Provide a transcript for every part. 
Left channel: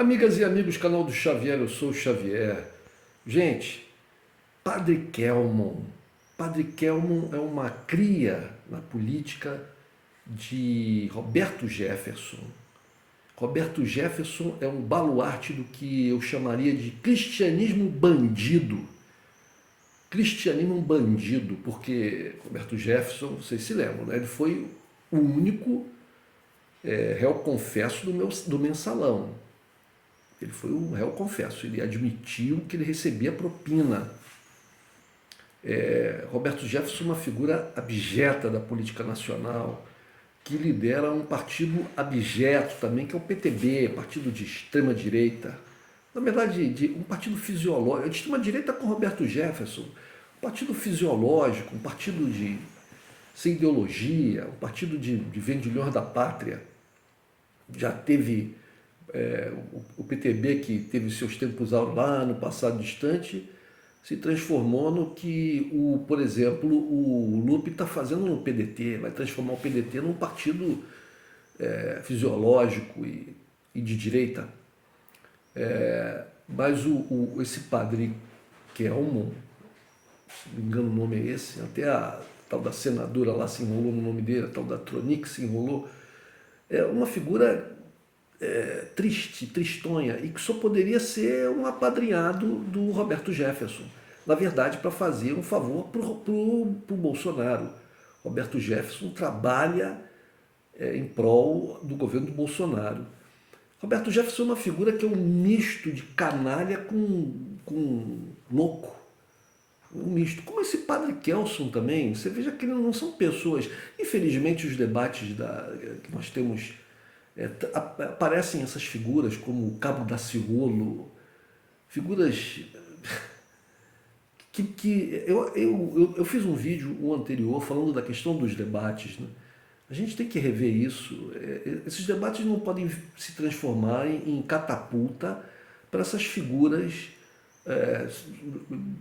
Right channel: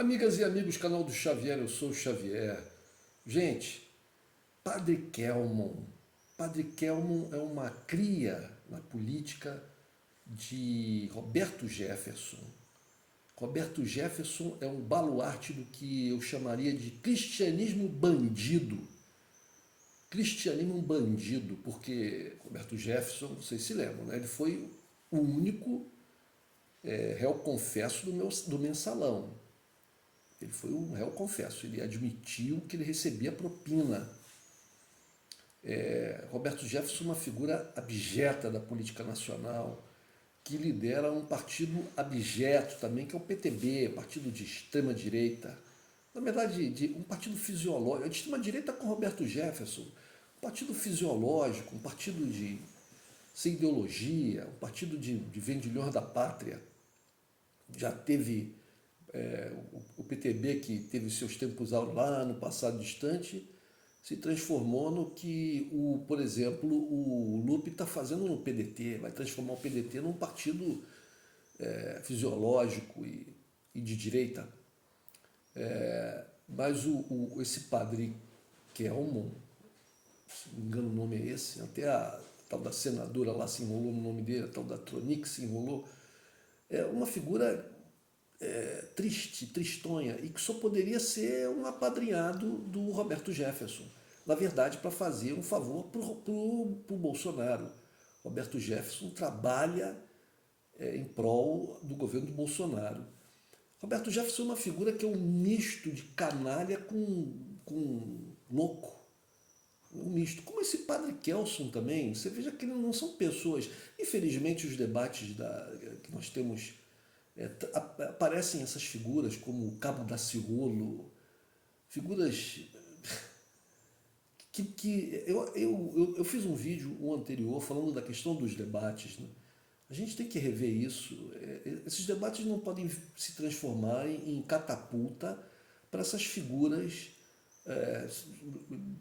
Amigas e amigos, canal do Xavier, eu sou o Xavier. Gente, Padre Kelmon. Padre Kelmon é uma cria na política de Roberto Jefferson. Roberto Jefferson é um baluarte do que eu chamaria de cristianismo bandido. Cristianismo bandido, porque Roberto Jefferson, vocês se lembram, né? Ele foi o único réu confesso do mensalão. Ele foi um réu confesso, ele admitiu que ele recebia propina. Roberto Jefferson é uma figura abjeta da política nacional, que lidera um partido abjeto também, que é o PTB, partido de extrema-direita. Na verdade, um partido fisiológico, de extrema-direita com Roberto Jefferson, um partido fisiológico, um partido sem ideologia, um partido de vendilhões da pátria. Já teve o PTB, que teve seus tempos lá no passado distante, se transformou no que, por exemplo, o Lupe está fazendo no PDT, vai transformar o PDT num partido fisiológico e de direita. Mas esse padre Kelmon, se não me engano o nome é esse, até a tal da senadora lá se enrolou no nome dele, a tal da Tronic se enrolou, é uma figura triste, tristonha, e que só poderia ser um apadrinhado do Roberto Jefferson. Na verdade, para fazer um favor para o Bolsonaro. Roberto Jefferson trabalha em prol do governo do Bolsonaro. Roberto Jefferson é uma figura que é um misto de canalha com louco. Um misto. Como esse padre Kelson também, você veja que não são pessoas. Infelizmente, os debates que nós temos aparecem essas figuras como o Cabo Daciolo, figuras que eu fiz um vídeo anterior falando da questão dos debates, né? A gente tem que rever isso. Esses debates não podem se transformar em catapulta para essas figuras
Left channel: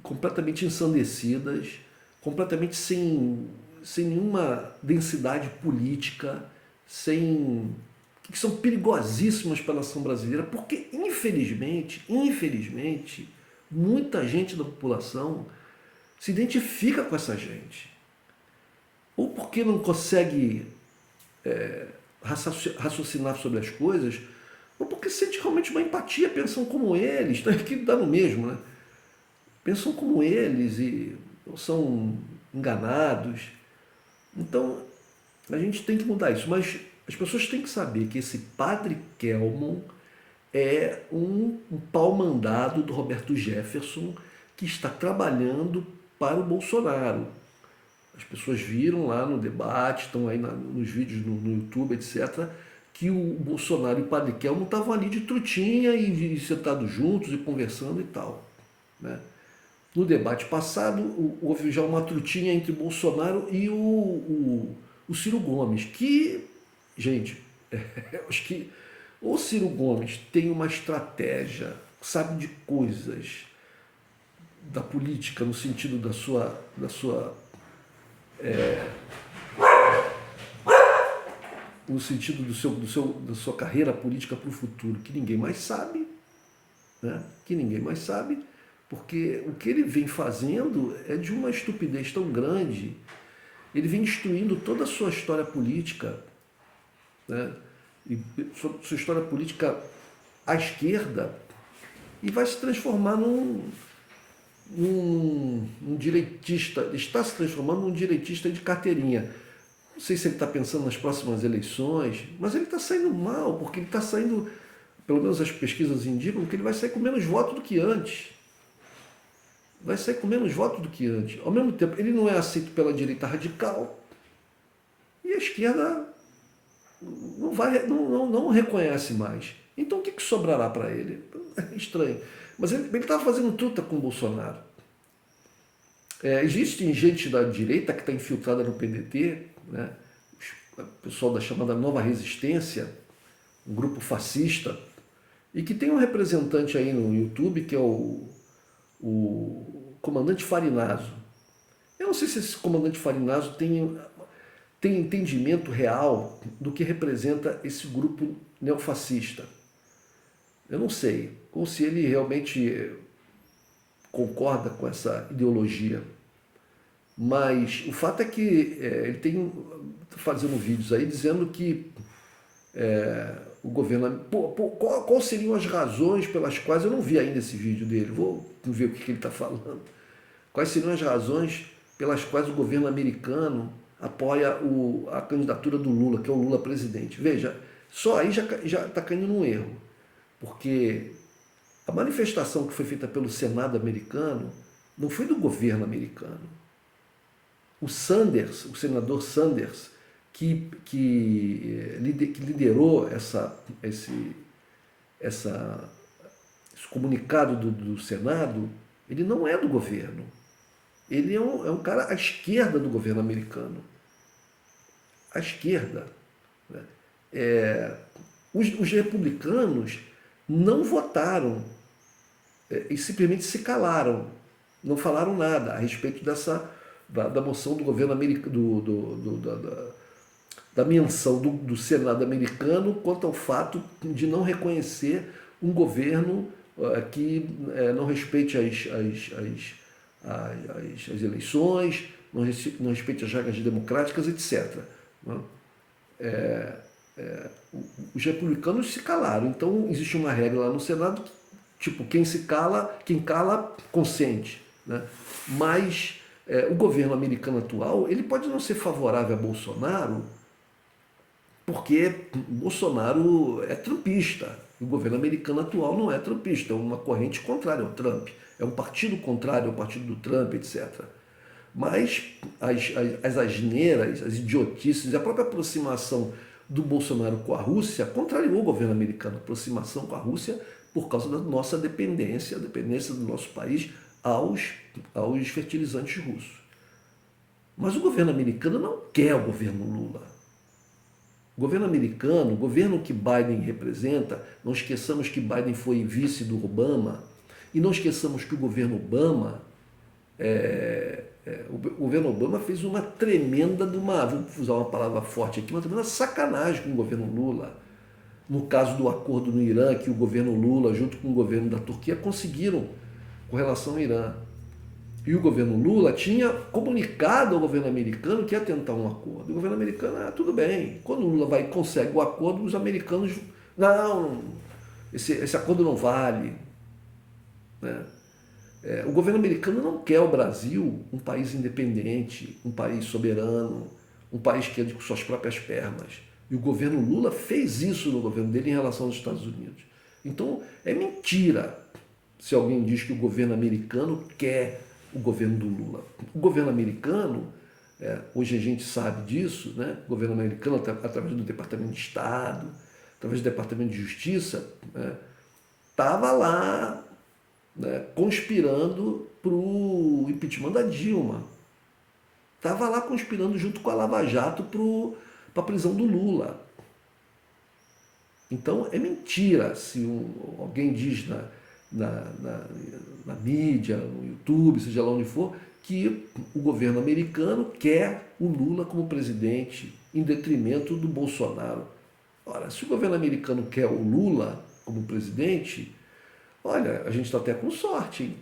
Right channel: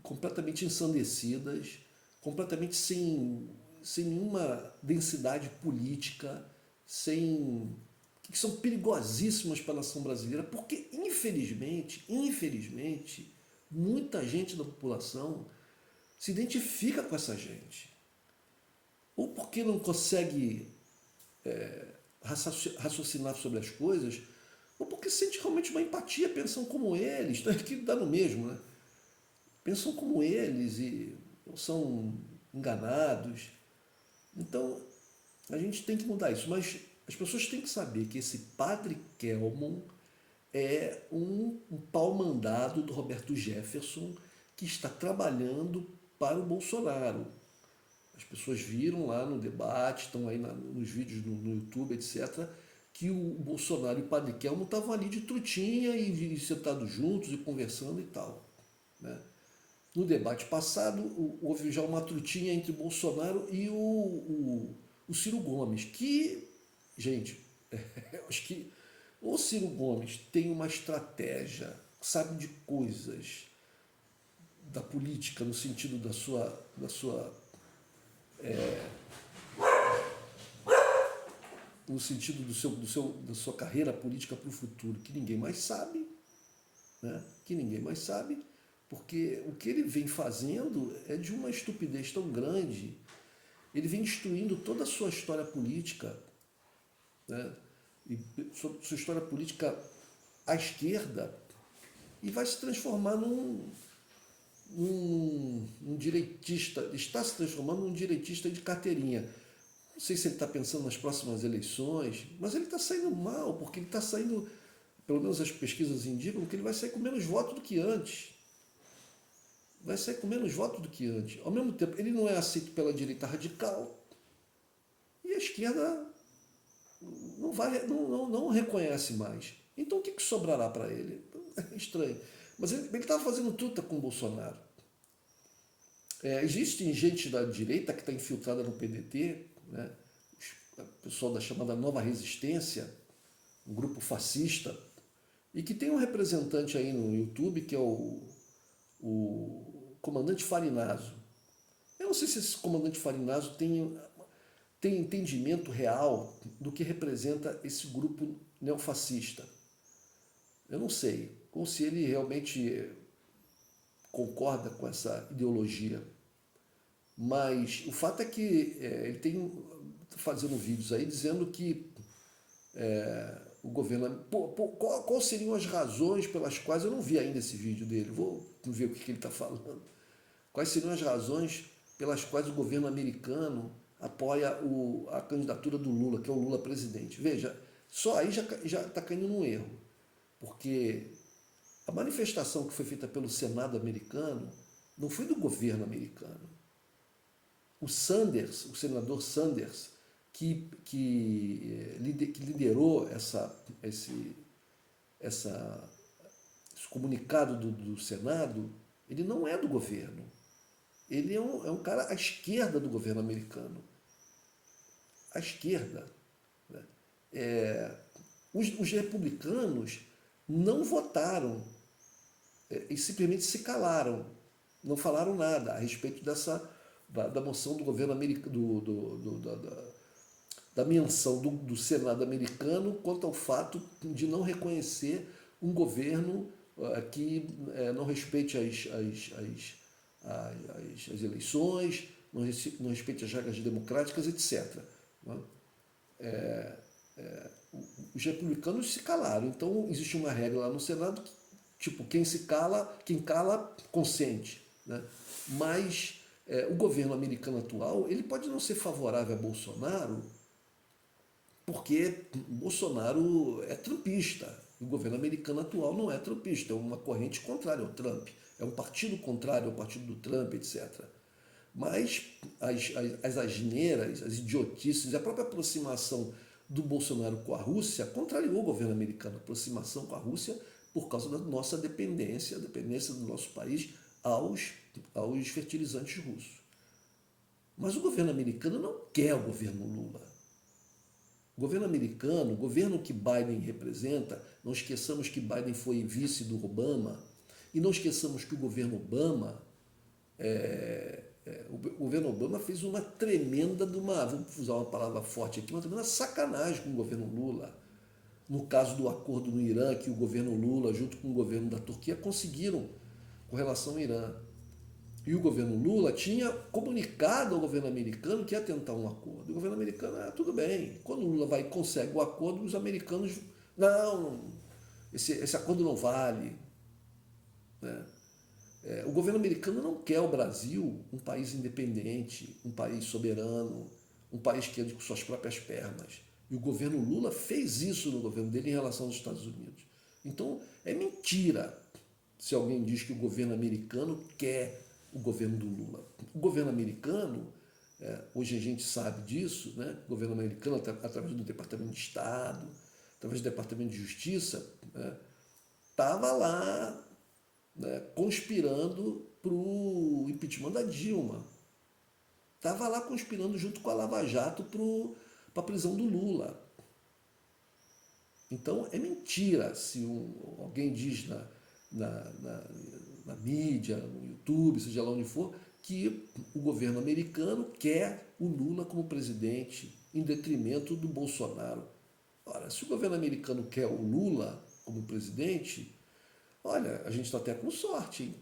completamente ensandecidas, completamente sem nenhuma densidade política, que são perigosíssimas para a nação brasileira, porque infelizmente, muita gente da população se identifica com essa gente. Ou porque não consegue raciocinar sobre as coisas, ou porque sente realmente uma empatia, pensam como eles, que dá no mesmo, né? Pensam como eles e são enganados. Então, a gente tem que mudar isso, mas as pessoas têm que saber que esse padre Kelmon é um pau-mandado do Roberto Jefferson que está trabalhando para o Bolsonaro. As pessoas viram lá no debate, estão aí nos vídeos no YouTube, etc., que o Bolsonaro e o padre Kelmon estavam ali de trutinha e sentados juntos e conversando e tal, né? No debate passado, houve já uma trutinha entre Bolsonaro e o Ciro Gomes, que, gente, eu acho que o Ciro Gomes tem uma estratégia, sabe de coisas da política no sentido da sua no sentido da sua carreira política para o futuro, que ninguém mais sabe, né? Que ninguém mais sabe, porque o que ele vem fazendo é de uma estupidez tão grande. Ele vem destruindo toda a sua história política, né? E sua história política à esquerda, e vai se transformar num direitista, está se transformando num direitista de carteirinha. Não sei se ele está pensando nas próximas eleições, mas ele está saindo mal, porque ele está saindo, pelo menos as pesquisas indicam, que ele vai sair com menos votos do que antes. Vai sair com menos votos do que antes. Ao mesmo tempo, ele não é aceito pela direita radical e a esquerda não reconhece mais. Então o que sobrará para ele? É estranho. Mas ele estava fazendo truta com o Bolsonaro. Existe gente da direita que está infiltrada no PDT, né? O pessoal da chamada Nova Resistência, um grupo fascista, e que tem um representante aí no YouTube que é o comandante Farinaso. Eu não sei se esse comandante Farinaso tem entendimento real do que representa esse grupo neofascista. Eu não sei, ou se ele realmente concorda com essa ideologia. Mas o fato é que ele tem fazendo vídeos aí dizendo que o governo. Qual seriam as razões pelas quais. Eu não vi ainda esse vídeo dele, vou ver o que ele está falando. Quais seriam as razões pelas quais o governo americano apoia a candidatura do Lula, que é o Lula presidente? Veja, só aí já está caindo num erro, porque a manifestação que foi feita pelo Senado americano não foi do governo americano. O Sanders, o senador Sanders, que liderou esse comunicado do Senado, ele não é do governo. Ele é um cara à esquerda do governo americano. À esquerda. Né? Os republicanos não votaram e simplesmente se calaram. Não falaram nada a respeito da moção do governo americano, da menção do Senado americano quanto ao fato de não reconhecer um governo que não respeite as eleições, não respeite as regras democráticas, etc. Né? Os republicanos se calaram. Então existe uma regra lá no Senado, tipo, quem cala, consente. Né? Mas o governo americano atual, ele pode não ser favorável a Bolsonaro, porque Bolsonaro é trumpista. O governo americano atual não é trumpista, é uma corrente contrária ao Trump. É um partido contrário ao partido do Trump, etc. Mas as asneiras, as idiotices, a própria aproximação do Bolsonaro com a Rússia contrariou o governo americano. A aproximação com a Rússia por causa da nossa dependência, a dependência do nosso país aos fertilizantes russos. Mas o governo americano não quer o governo Lula. O governo americano, o governo que Biden representa, não esqueçamos que Biden foi vice do Obama, e não esqueçamos que o governo Obama, o governo Obama fez uma tremenda, vou usar uma palavra forte aqui, uma tremenda sacanagem com o governo Lula. No caso do acordo no Irã, que o governo Lula, junto com o governo da Turquia, conseguiram com relação ao Irã. E o governo Lula tinha comunicado ao governo americano que ia tentar um acordo. O governo americano, tudo bem. Quando o Lula consegue o acordo, os americanos, não, esse acordo não vale. Né? O governo americano não quer o Brasil um país independente, um país soberano, um país que ande com suas próprias pernas. E o governo Lula fez isso no governo dele em relação aos Estados Unidos. Então, é mentira se alguém diz que o governo americano quer o governo do Lula. O governo americano, hoje a gente sabe disso, né? O governo americano, através do Departamento de Estado, através do Departamento de Justiça, estava lá, né, conspirando para o impeachment da Dilma. Estava lá conspirando junto com a Lava Jato para a prisão do Lula. Então é mentira se alguém diz na mídia, no YouTube, seja lá onde for, que o governo americano quer o Lula como presidente em detrimento do Bolsonaro. Ora, se o governo americano quer o Lula como presidente, olha, a gente está até com sorte, hein?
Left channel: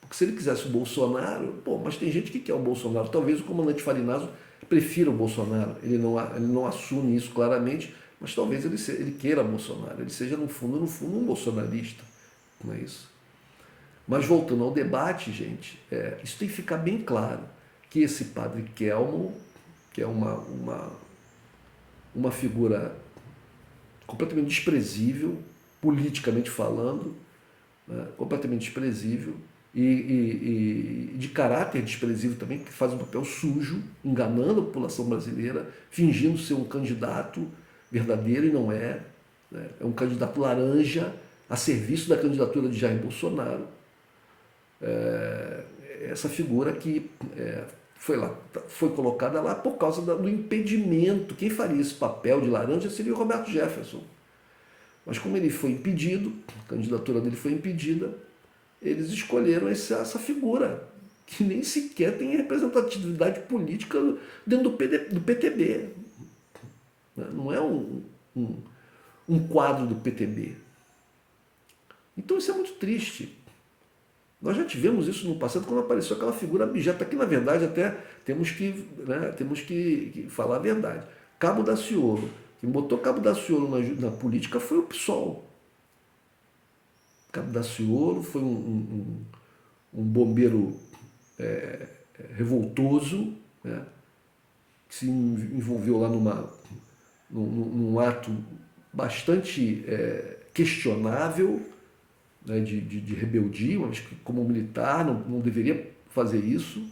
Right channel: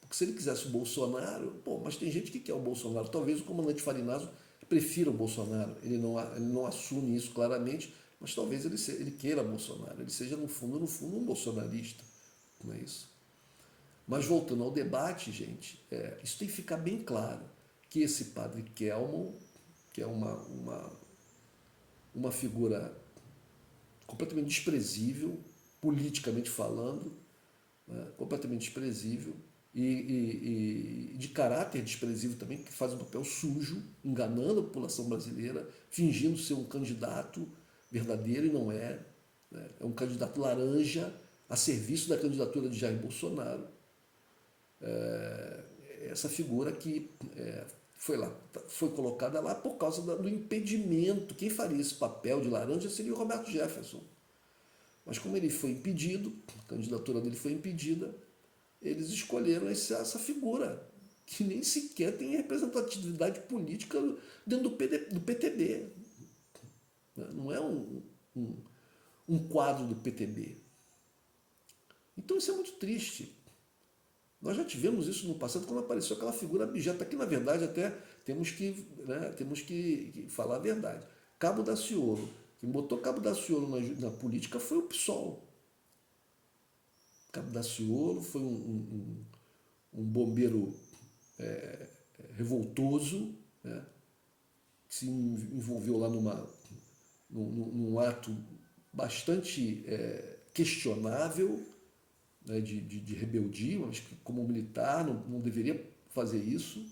Porque se ele quisesse o Bolsonaro, mas tem gente que quer o Bolsonaro. Talvez o comandante Farinazo prefira o Bolsonaro. Ele não assume isso claramente, mas talvez ele queira Bolsonaro. Ele seja, no fundo, um bolsonarista. Não é isso? Mas voltando ao debate, gente, isso tem que ficar bem claro, que esse padre Kelmon, que é uma figura completamente desprezível, politicamente falando, né, completamente desprezível, e de caráter desprezível também, que faz um papel sujo, enganando a população brasileira, fingindo ser um candidato verdadeiro e não é. Né? É um candidato laranja a serviço da candidatura de Jair Bolsonaro. Essa figura que foi colocada lá por causa do impedimento. Quem faria esse papel de laranja seria o Roberto Jefferson. Mas como ele foi impedido, a candidatura dele foi impedida, eles escolheram essa figura, que nem sequer tem representatividade política dentro do PTB. Não é um quadro do PTB. Então isso é muito triste. Nós já tivemos isso no passado quando apareceu aquela figura abjeta, que na verdade até temos que, né, temos que falar a verdade. Cabo Daciolo, quem botou Cabo Daciolo na política foi o PSOL. Cabo Daciolo foi um bombeiro revoltoso, né, que se envolveu lá num ato bastante questionável, né, de rebeldia, mas que como militar não deveria fazer isso,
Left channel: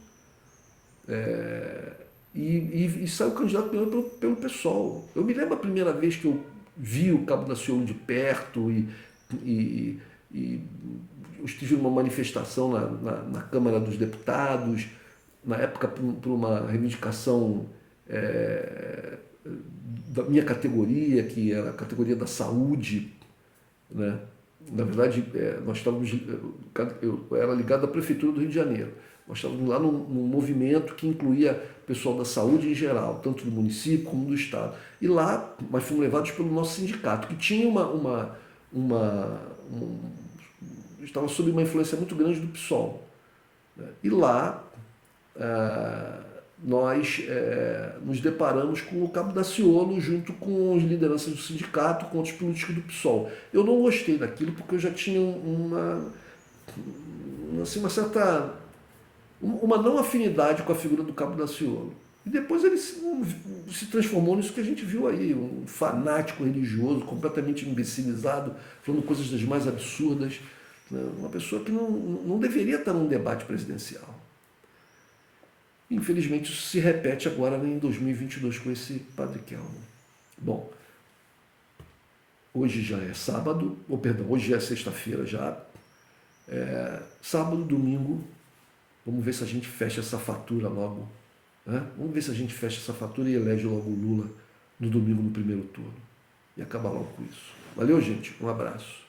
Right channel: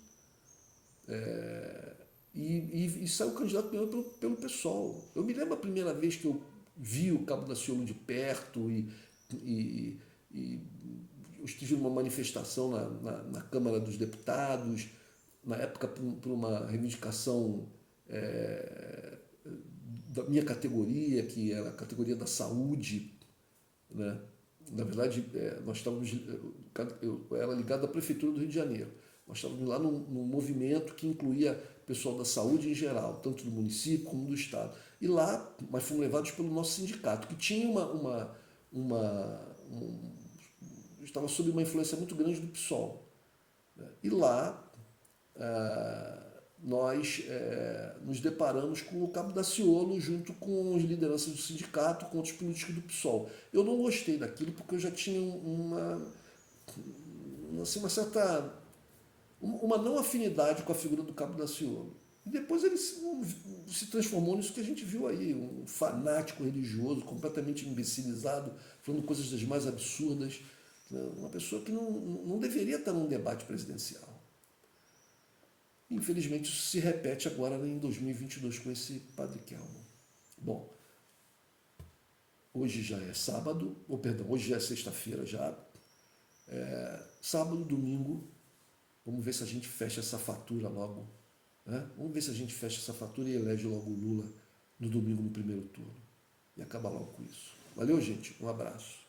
e saiu candidato pelo PSOL. Eu me lembro a primeira vez que eu vi o Cabo Daciolo de perto e, e eu estive numa manifestação na Câmara dos Deputados, na época por uma reivindicação da minha categoria, que era a categoria da saúde, né? Na verdade, nós estávamos, eu era ligado à Prefeitura do Rio de Janeiro. Nós estávamos lá num movimento que incluía pessoal da saúde em geral, tanto do município como do estado. E lá nós fomos levados pelo nosso sindicato, que tinha estava sob uma influência muito grande do PSOL. Né? E lá nós nos deparamos com o Cabo Daciolo junto com as lideranças do sindicato, com outros políticos do PSOL. Eu não gostei daquilo porque eu já tinha assim, uma não afinidade com a figura do Cabo Daciolo. E depois ele se transformou nisso que a gente viu aí, um fanático religioso, completamente imbecilizado, falando coisas das mais absurdas. Né? Uma pessoa que não deveria estar num debate presidencial. Infelizmente isso se repete agora em 2022 com esse Padre Kelmo. Bom, hoje já é sábado, ou perdão, hoje já é sexta-feira já. Sábado, domingo, vamos ver se a gente fecha essa fatura logo. Né? Vamos ver se a gente fecha essa fatura e elege logo o Lula no domingo no primeiro turno. E acaba logo com isso. Valeu, gente. Um abraço.